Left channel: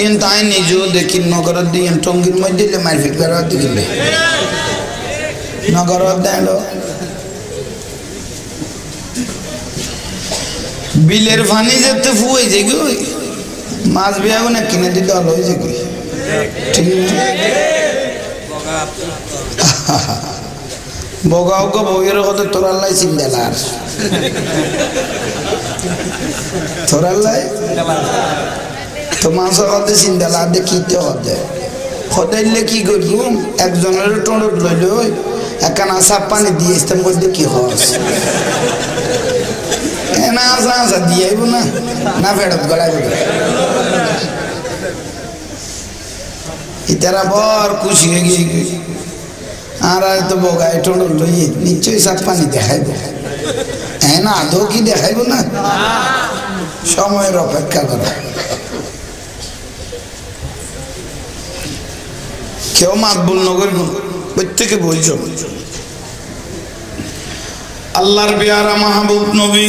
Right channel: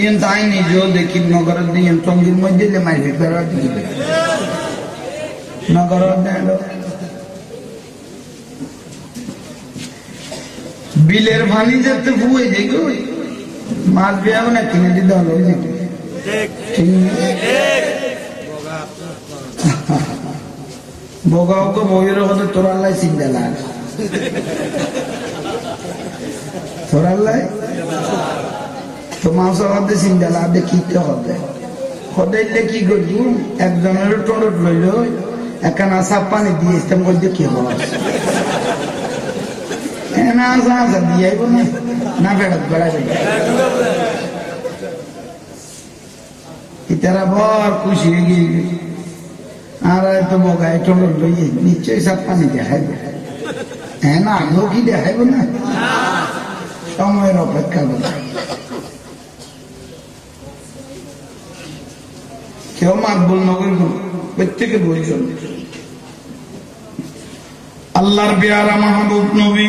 yen তাই নিজেও দেখি নগরের দিয়ে টঙ্গির মধ্যে দিলে মারপিট করার দিকে নগরের দেন বিলের পানি যেতে ফুয়ে যে কি মাছ বিয়া না কিনে দিতে হলো যে কি ঠিক বগাও গো বইয়ের কথা তোরাল্লাই চিন্তালার তোরাল্লাই তো মাংস খাতে চিন্তালার দে কিতে হতে হদাইলে কি করবো একজনের টোঁট লইল একখানা সাপ পানি দিয়ে ইস্তেম করতে কি খরচ না আসা আসা দিয়ে আইব না না ফেরত গড়াই ইতারা বর খুশি হয়ে গিয়ে আর তো বগায় টোঁট লইয়ে নিশ্চয়ই সাপ পানি দেখাইব হ্যাঁ না আদৌ কি দেখাইব না সময়ের অপেক্ষা করা কেউ মাকবুল নগর প্রত্যেকে বলছো আল্লাহর পেয়ারা মাহবুব নবী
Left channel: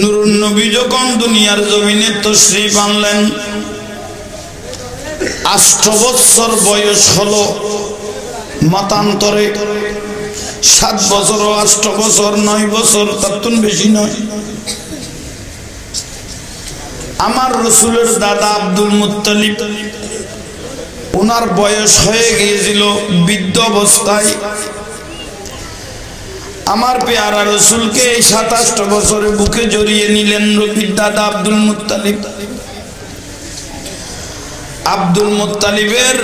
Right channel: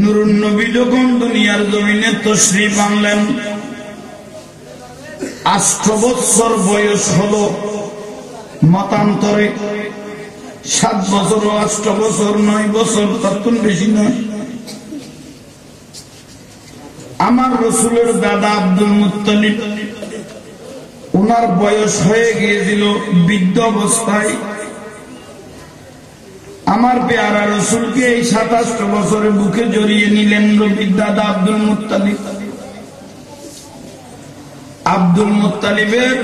নুরুন নবী যখন দুনিয়ার জমিনে তশরিফ আনলেন 8 বছর বয়স হলো মতান্তরে 7 বছর 8 বছর 9 বছর তার বেশি নয় আমার রাসূলের দাদা আব্দুল মুত্তালিব ওনার বয়স হয়ে গিয়েছিল বৃদ্ধ অবস্থায় আমার পেয়ারা রাসূলকে এই 27 বছরে বুকে জড়িয়ে নিলেন নবীর দাদা আব্দুল মুত্তালিব আব্দুল মুত্তালিবের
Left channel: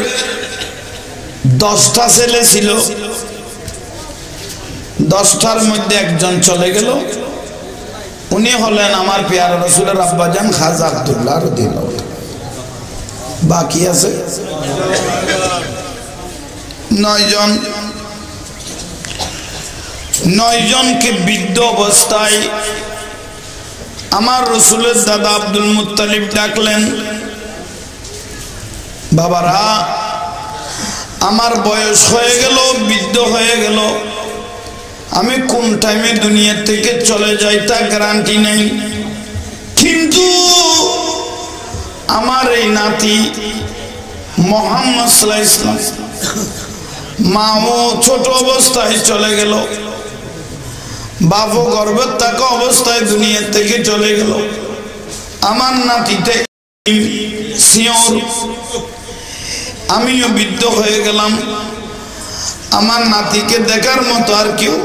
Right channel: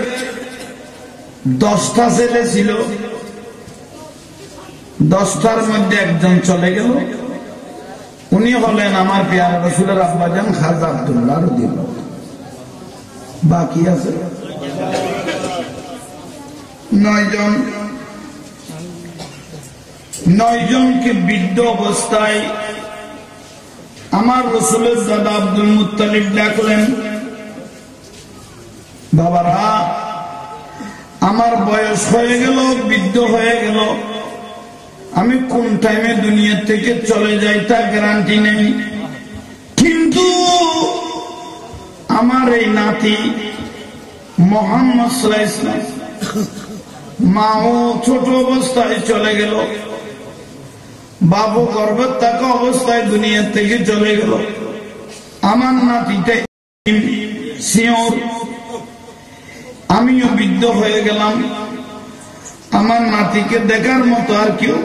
10টা ছেলে ছিল 10টার মধ্যে একজন চলে গেল উনি হলেন আমার পেয়ারা রাসূলের আব্বাজান খাজা আব্দুল্লাহ রাদিয়াল্লাহু বাকি আছে 9 জনকে বৃদ্ধ অবস্থায় আমার রাসূলের দাদা আব্দুল মুত্তালিব ডাকলেন বাবারা আমার বয়স হয়ে গেল বৃদ্ধ হয়ে গেল আমি কোন টাইমে দুনিয়া থেকে চলে যাই তা গ্যারান্টি নেই কিন্তু আমার এই নাতি মুহাম্মদ সাল্লাল্লাহু আলাইহি ওয়াসাল্লাম মাও ছোট অবস্থায় চলে গেল বাবু গর্ভে থাকা অবস্থায় দুনিয়া থেকে চলে গেল আমার নাতিটা সিওর আমিও বৃদ্ধ হয়ে গেলাম আমার নাতিকে দেখার মতো আর কেউ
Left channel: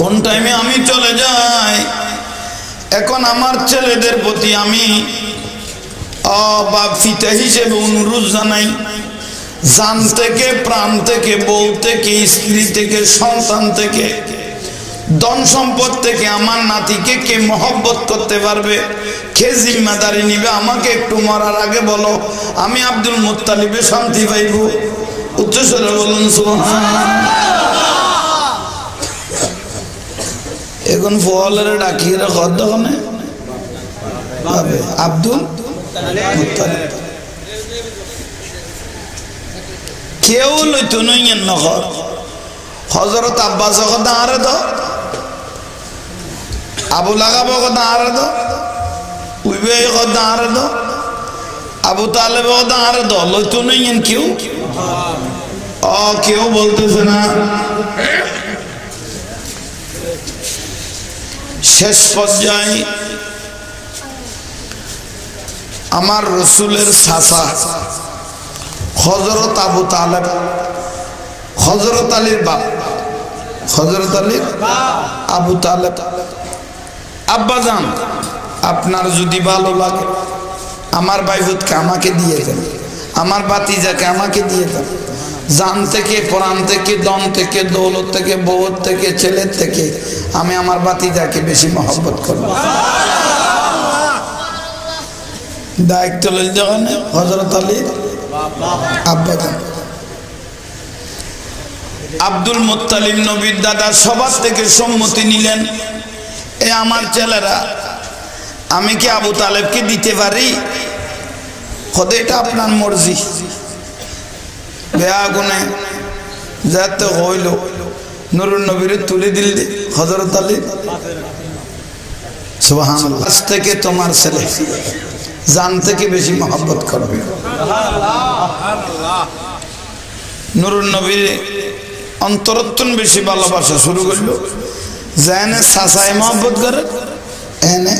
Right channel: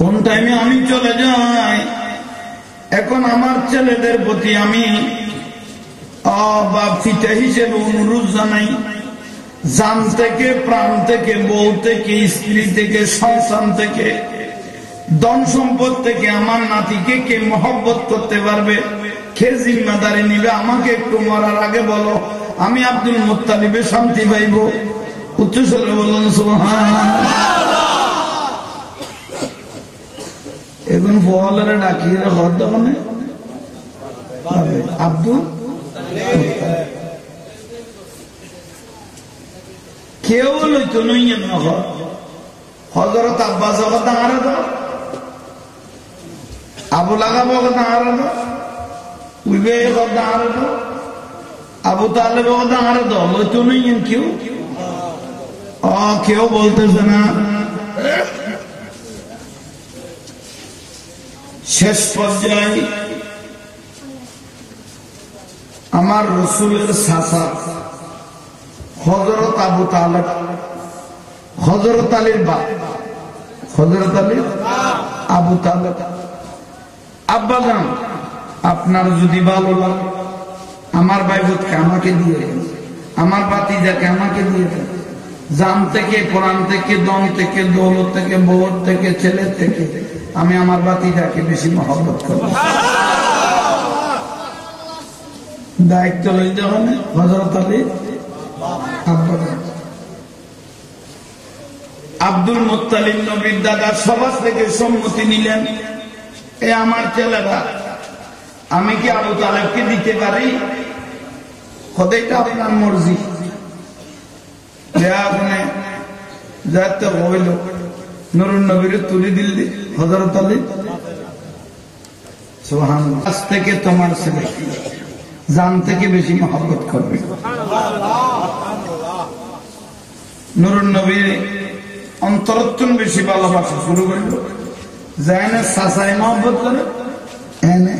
কোন টাইমে আমি চলে যাই এখন আমার ছেলেদের প্রতি আমি বাপ পিতা হিসেবে অনুরোধ জানাই জান থেকে প্রাণ থেকে বউ থেকে স্ত্রী থেকে সন্তান থেকে ধন সম্পদ থেকে আমার নাতিকে কে মহব্বত করতে পারবে কে জিম্মাদারি নিবে আমাকে একটু মরার আগে বলো আমি আব্দুল মুত্তালিবে শান্তি পাইব উচ্চস্বরে বলুন সুবহানাল্লাহ এখন ফলের ডাকিয়ে খদ দোকানে ভাবে আব্দুল মুত্তালিব কেউ লইতো নইয়েন নহর হযরত আব্বাস কথা আরে তো আবু লাগাব কথা আরে তো উইবে কথা আরে তো আবু তালেব কথা আরে তো লইতো নইয়েন কেউ কেউ বলতেছে না শেষ পর্যায়ে আমার রাসূলের চাচা হযরত আবু তালেব হযরত আলীর বাপ হযরত আলীর আবু তালেব আব্বাজান আপনার যদি ভালো লাগে আমার ভাইবোনকে আমাকে দিয়ে দেন আমার ভাতিজাকে আমাকে দিয়ে দেন জান থেকে প্রাণ থেকে দম থেকে দৌলত থেকে বউ থেকে ছেলে থেকে আমি আমার ভাতিজাকে বেশি মহব্বত করব দায়িত্ব লইল যখন হযরত আলীর আব্বাজান আব্দুল মুত্তালিব নবীর দাদা সবার থেকে সম্মতি নিলেন এ আমার ছেলেরা আমি কি আবু তালেবকে দিতে পারি এটা আপনার মর্জি আগুনে যাতে হইল নুরুন নবীরে তুলে দিল হযরত আলী সুবহানাল্লাহ আজ থেকে তোমার ছেলে জান থেকে বেশি মহব্বত করবে নুরুন নবী অন্তরত্বন বেশি ভালোবাসা শুরু করলো জানে সাসায় মহব্বত করে এনে